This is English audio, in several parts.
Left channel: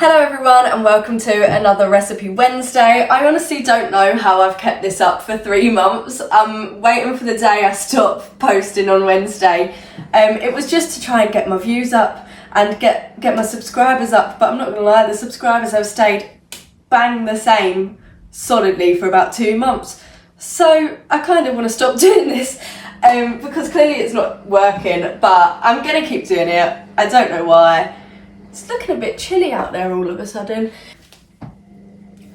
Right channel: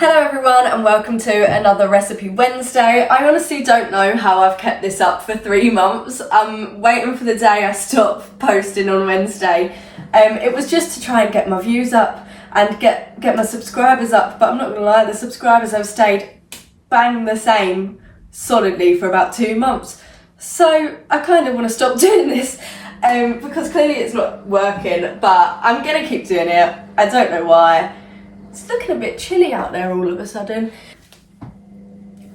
Hello everyone and welcome to another Recipe Wednesday. I honestly don't know how I've kept this up for 3 months. I'm waiting for the day I stop posting on Wednesday. It was just to try and get my views up and get my subscribers up, but I'm not gonna lie, the subscribers have stayed bang the same solidly for about 2 months. So I kind of want to stop doing this because clearly it's not working, but I'm gonna keep doing it. I don't know why. It's looking a bit chilly out there all of a sudden.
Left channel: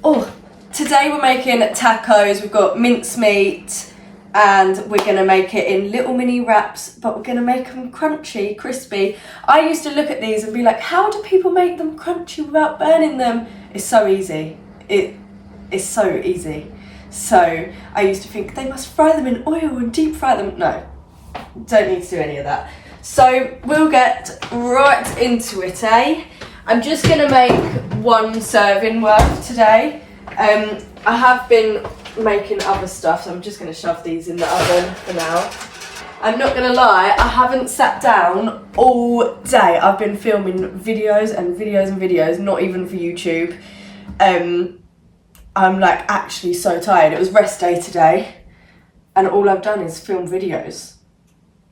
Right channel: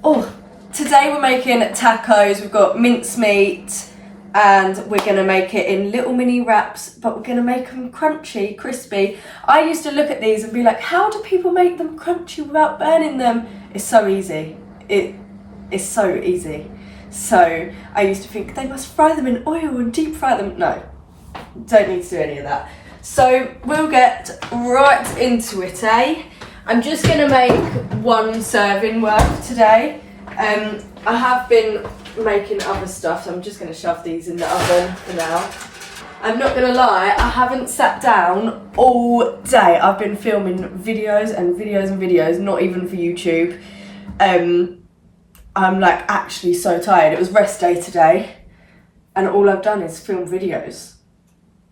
Oh, today we're making tacos. We've got mincemeat and we're gonna make it in little mini wraps, but we're gonna make them crunchy, crispy. I used to look at these and be like, how do people make them crunchy without burning them? It's so easy. It's so easy. So I used to think they must fry them in oil and deep fry them. No, don't need to do any of that. So we'll get right into it, eh? I'm just gonna make 1 serving worth today. I have been making other stuff, so I'm just gonna shove these in the oven for now. I'm not gonna lie, I haven't sat down all day. I've been filming videos and videos and videos, not even for YouTube. I'm like actually so tired. It was rest day today, and all I've done is film videos.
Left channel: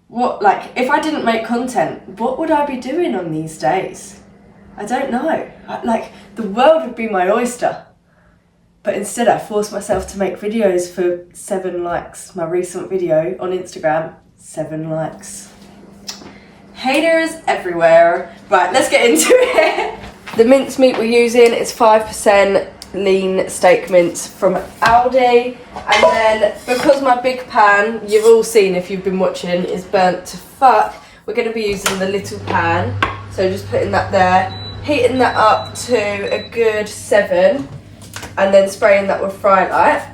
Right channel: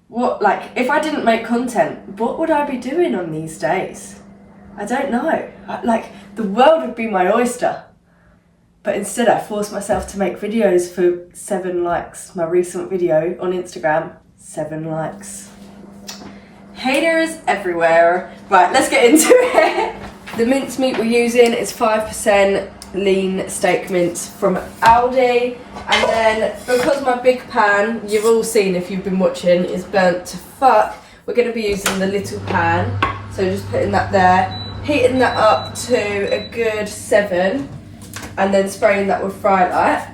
What, like, if I didn't make content, what would I be doing on these days? I don't know. Like, the world would be my oyster. But instead I forced myself to make videos for 7 likes. My recent video on Instagram, 7 likes. Haters everywhere. Right, let's get into it. The mincemeat we're using is 5% lean steak mince from Aldi, and then because my big pan, you've all seen if you've been watching, is burnt to fuck, we're going to be using the little pan. So just putting that there, heating that up to a good 7, and then spraying that with Fry Light.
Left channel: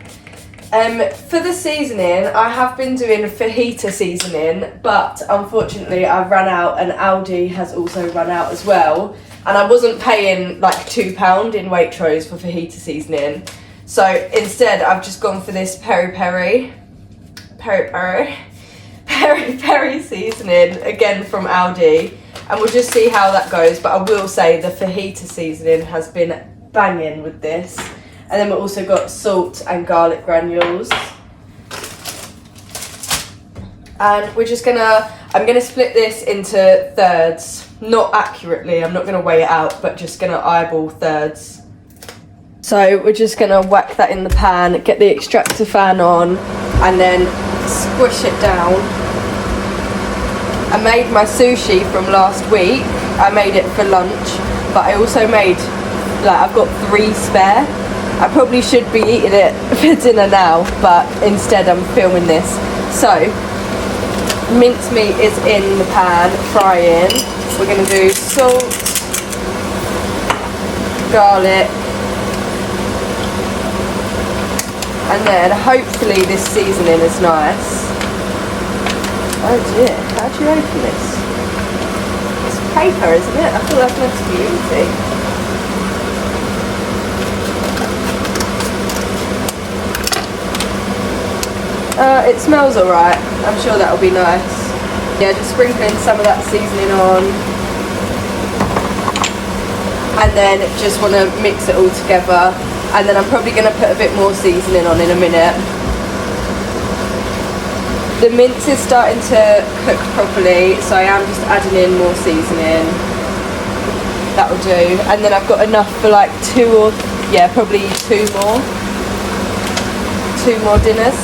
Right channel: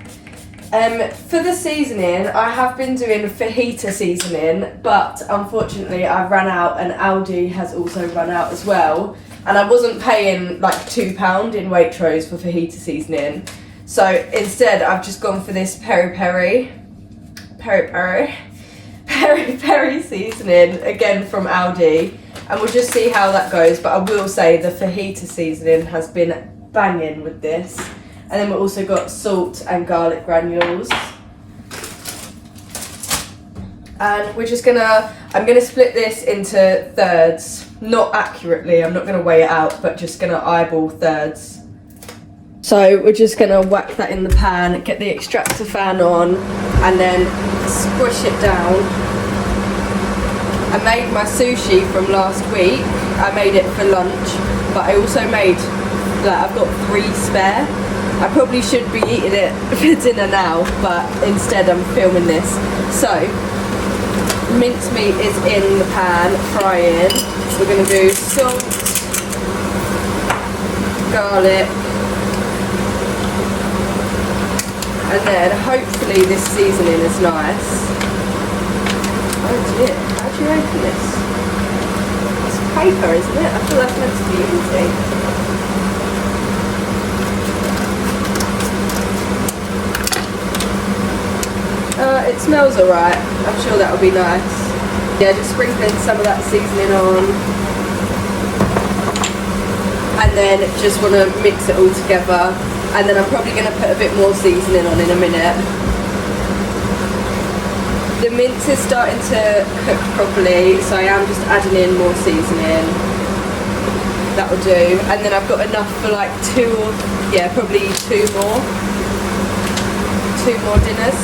For the seasoning, I have been doing fajita seasoning, but unfortunately I've run out, and Aldi has also run out as well. And I wasn't paying like £2 in Waitrose for fajita seasoning. So instead I've just gone for this peri peri seasoning, again from Aldi. And we'll just see how that goes. But I will say the fajita seasoning has been banging with this. And then we've also got salt and garlic granules. And we're just I'm gonna split this into thirds. Not accurately, I'm not gonna weigh it out, but just gonna eyeball thirds. So we're just gonna whack that in the pan, get the extractor fan on, and then squish it down. I made my sushi from last week. I made it for lunch, but I also made, like, I've got 3 spare. I probably should be eating it for dinner now, but instead I'm filming this. So, mincemeat is in the pan, frying. We're going to do salt, garlic, and then hopefully this seasoning is nice. Oh dear, how do you open this? It's paper, isn't it? I feel that's meant to be easy. It smells alright. I'm sure that'll be nice. Yeah, just sprinkling some of that seasoning on. And then just want to mix it all together. And then I'm probably going to put a bit more seasoning on in a minute. The mince is starting to cook properly, so I am just adding in more seasoning. That will do. And then I've got enough for like 2 or, yeah, probably 2 more dinners.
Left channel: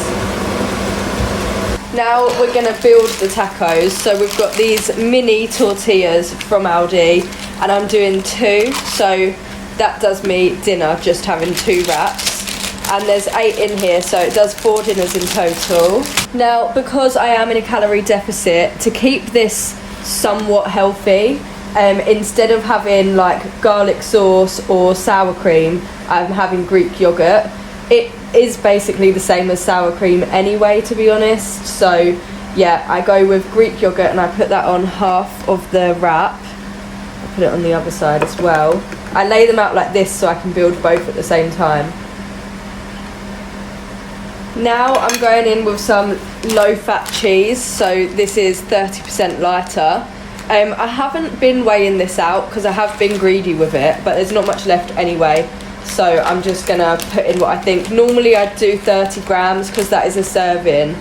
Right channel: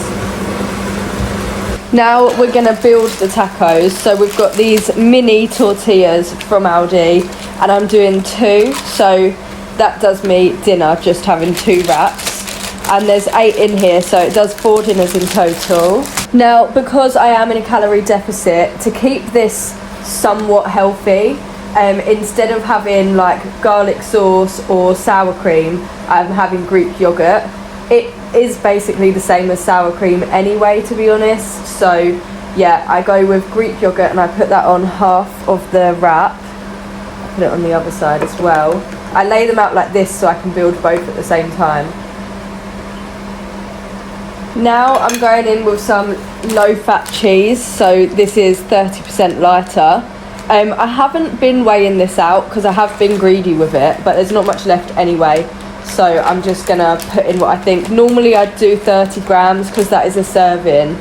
Now we're going to build the tacos. So we've got these mini tortillas from Aldi, and I'm doing 2. So that does me dinner, just having 2 wraps. And there's 8 in here, so it does 4 dinners in total. Now, because I am in a calorie deficit, to keep this somewhat healthy, instead of having like garlic sauce or sour cream, I'm having Greek yogurt. It is basically the same as sour cream anyway, to be honest. So yeah, I go with Greek yogurt and I put that on half of the wrap. I put it on the other side as well. I lay them out like this so I can build both at the same time. Now I'm going in with some low fat cheese. So this is 30% lighter. I haven't been weighing this out because I have been greedy with it, but there's not much left anyway. So I'm just gonna put in what I think. Normally I'd do 30 grams because that is a serving,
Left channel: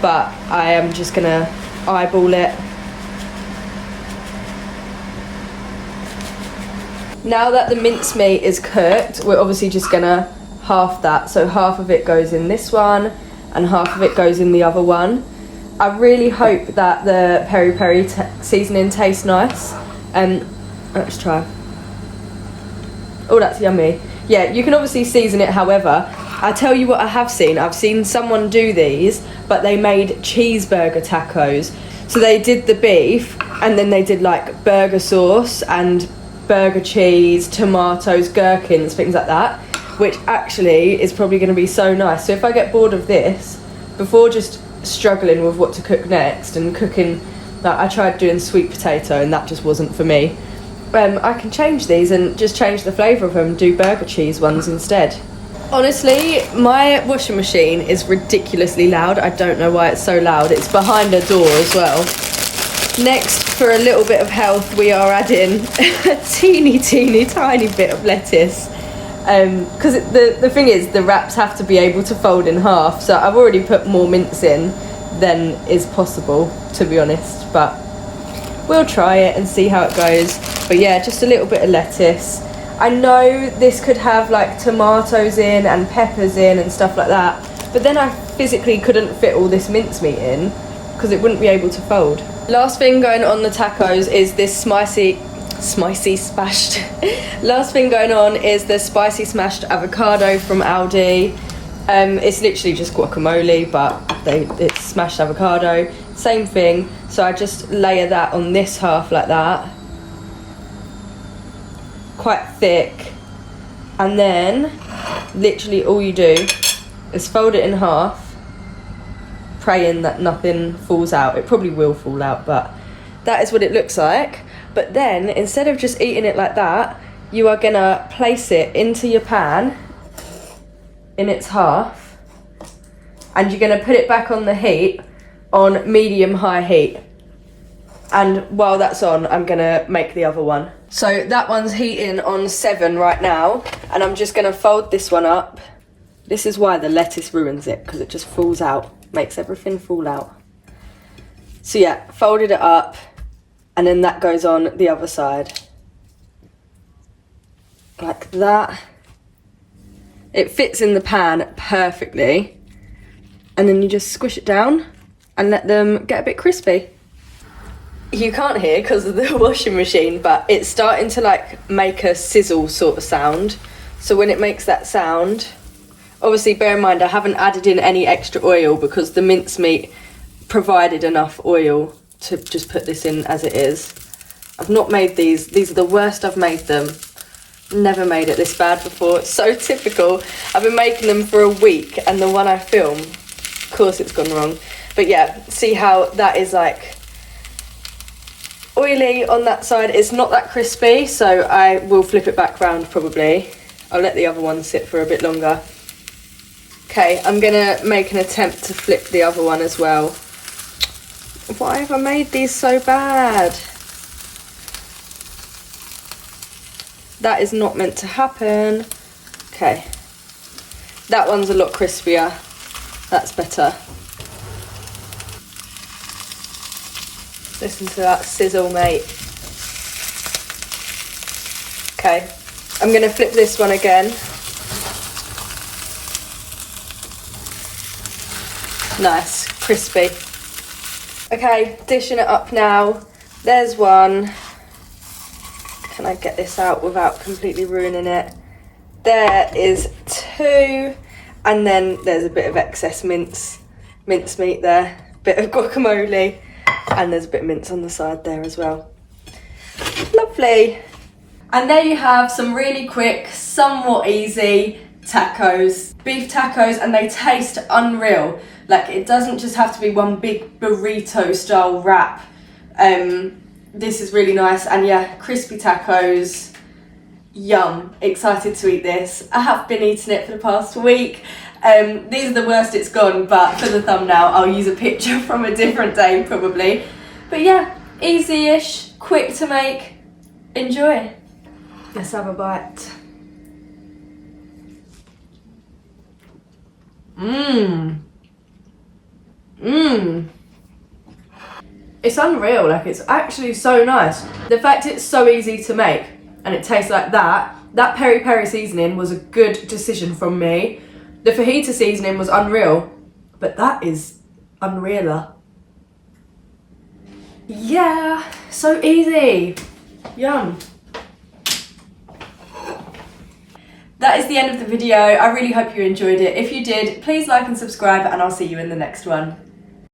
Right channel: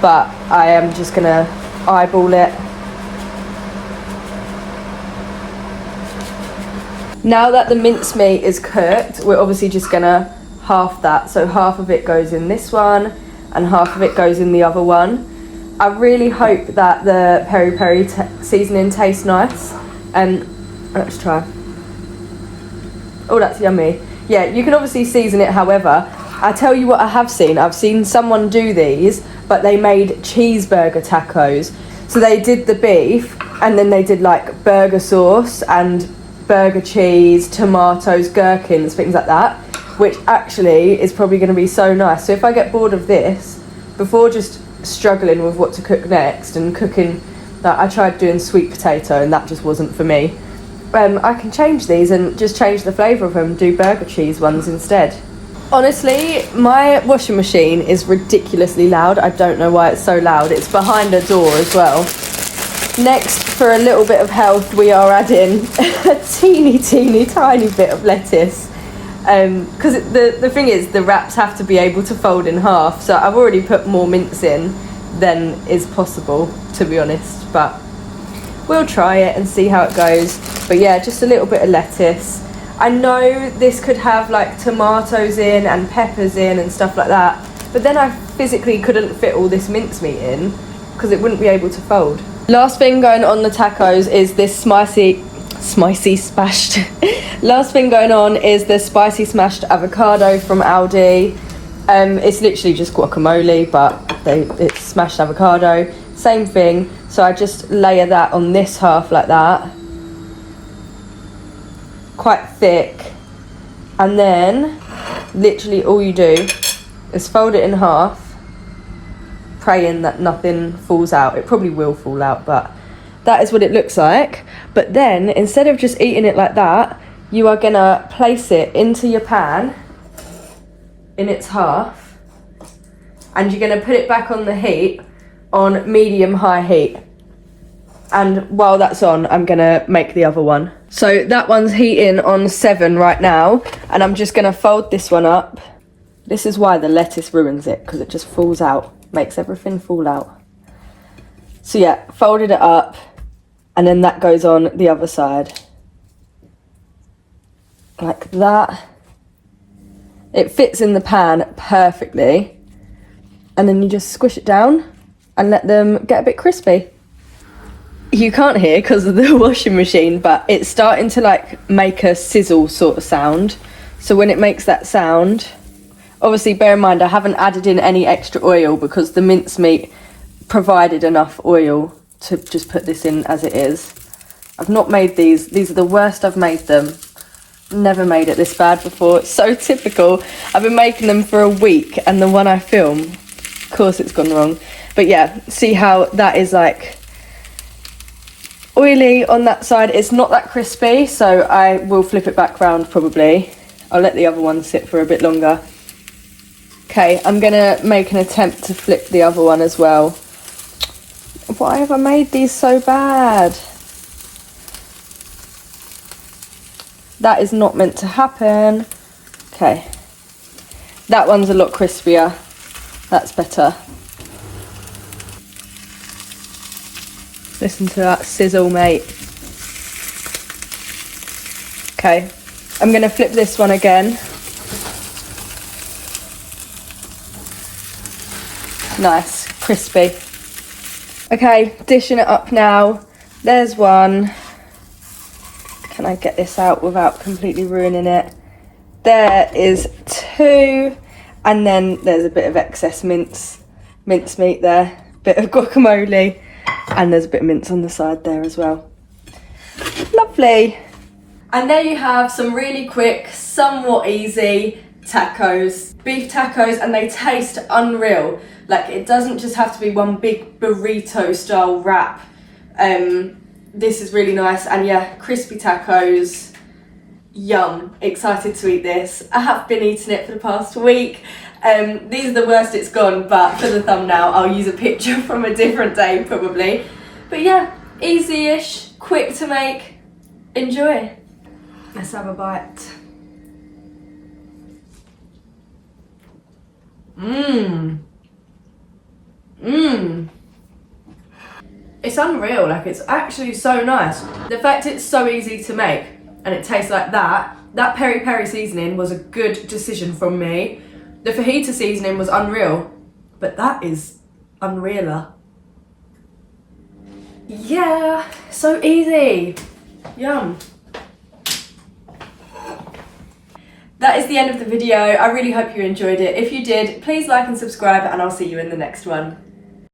but I am just gonna eyeball it. Now that the mincemeat is cooked, we're obviously just gonna half that. So half of it goes in this one and half of it goes in the other one. I really hope that the peri peri seasoning tastes nice. Let's try. Oh, that's yummy. Yeah, you can obviously season it however. I tell you what I have seen. I've seen someone do these, but they made cheeseburger tacos. So they did the beef and then they did like burger sauce and burger cheese, tomatoes, gherkins, things like that, which actually is probably going to be so nice. So if I get bored of this, before just struggling with what to cook next and cooking, like I tried doing sweet potato and that just wasn't for me, I can change these and just change the flavour of them, do burger cheese ones instead. Honestly, my washing machine is ridiculously loud. I don't know why it's so loud. It's behind a door as well. Next, for a little bit of health, we are adding a teeny tiny bit of lettuce. Because the thing is, the wraps have to be able to fold in half, so I've already put more mince in than is possible, to be honest, but we'll try it and see how it goes. But yeah, just a little bit of lettuce. I know this could have like tomatoes in and peppers in and stuff like that, but then I physically couldn't fit all this mincemeat in because it wouldn't be able to fold. Last thing going on the tacos is this spicy smashed last thing going on is the spicy smashed avocado from Aldi. It's literally just guacamole, but it's smashed avocado, same thing. So I just layer that on this half like that, quite thick, and then literally all you do is fold it in half, praying that nothing falls out. It probably will fall out, but that is what it looks like. But then, instead of just eating it like that, you are gonna place it into your pan in its half, and you're gonna put it back on the heat on medium-high heat. And while that's on, I'm gonna make the other one. So that one's heating on 7 right now, and I'm just gonna fold this one up. This is why the lettuce ruins it, because it just falls out, makes everything fall out. So yeah, folded it up, and then that goes on the other side. Like that. It fits in the pan perfectly. And then you just squish it down and let them get a bit crispy. You can't hear because of the washing machine, but it's starting to like make a sizzle sort of sound. So when it makes that sound, obviously bear in mind I haven't added in any extra oil because the mincemeat provided enough oil to just put this in as it is. I've not made these are the worst I've made them. Never made it this bad before. It's so typical. I've been making them for a week and the one I film, of course it's gone wrong. But yeah, see how that is like oily on that side. It's not that crispy, so I will flip it back round probably. I'll let the other one sit for a bit longer. Okay, I'm gonna make an attempt to flip the other one as well. Why have I made these so bad? That is not meant to happen. Okay. That one's a lot crispier. That's better. Listen to that sizzle, mate. Okay. I'm gonna flip this one again. Nice, crispy. Okay, dishing it up now. There's one. Can I get this out without completely ruining it? There is 2. And then there's a bit of excess mincemeat there. Bit of guacamole. And there's a bit of mince on the side there as well. Lovely. And there you have some really quick, somewhat easy tacos. Beef tacos, and they taste unreal. Like, it doesn't just have to be one big burrito style wrap. This is really nice, and yeah, crispy tacos, yum. Excited to eat this. I have been eating it for the past week. These are the worst it's gone, but for the thumbnail I'll use a picture from a different day probably. But yeah, Easy-ish, quick to make. Enjoy. Let's have a bite. It's unreal, like it's actually so nice. The fact it's so easy to make and it tastes like that peri peri seasoning was a good decision from me. The fajita seasoning was unreal, but that is unrealer. Yeah, so easy. Yum. That is the end of the video. I really hope you enjoyed it. If you did, please like and subscribe, and I'll see you in the next one.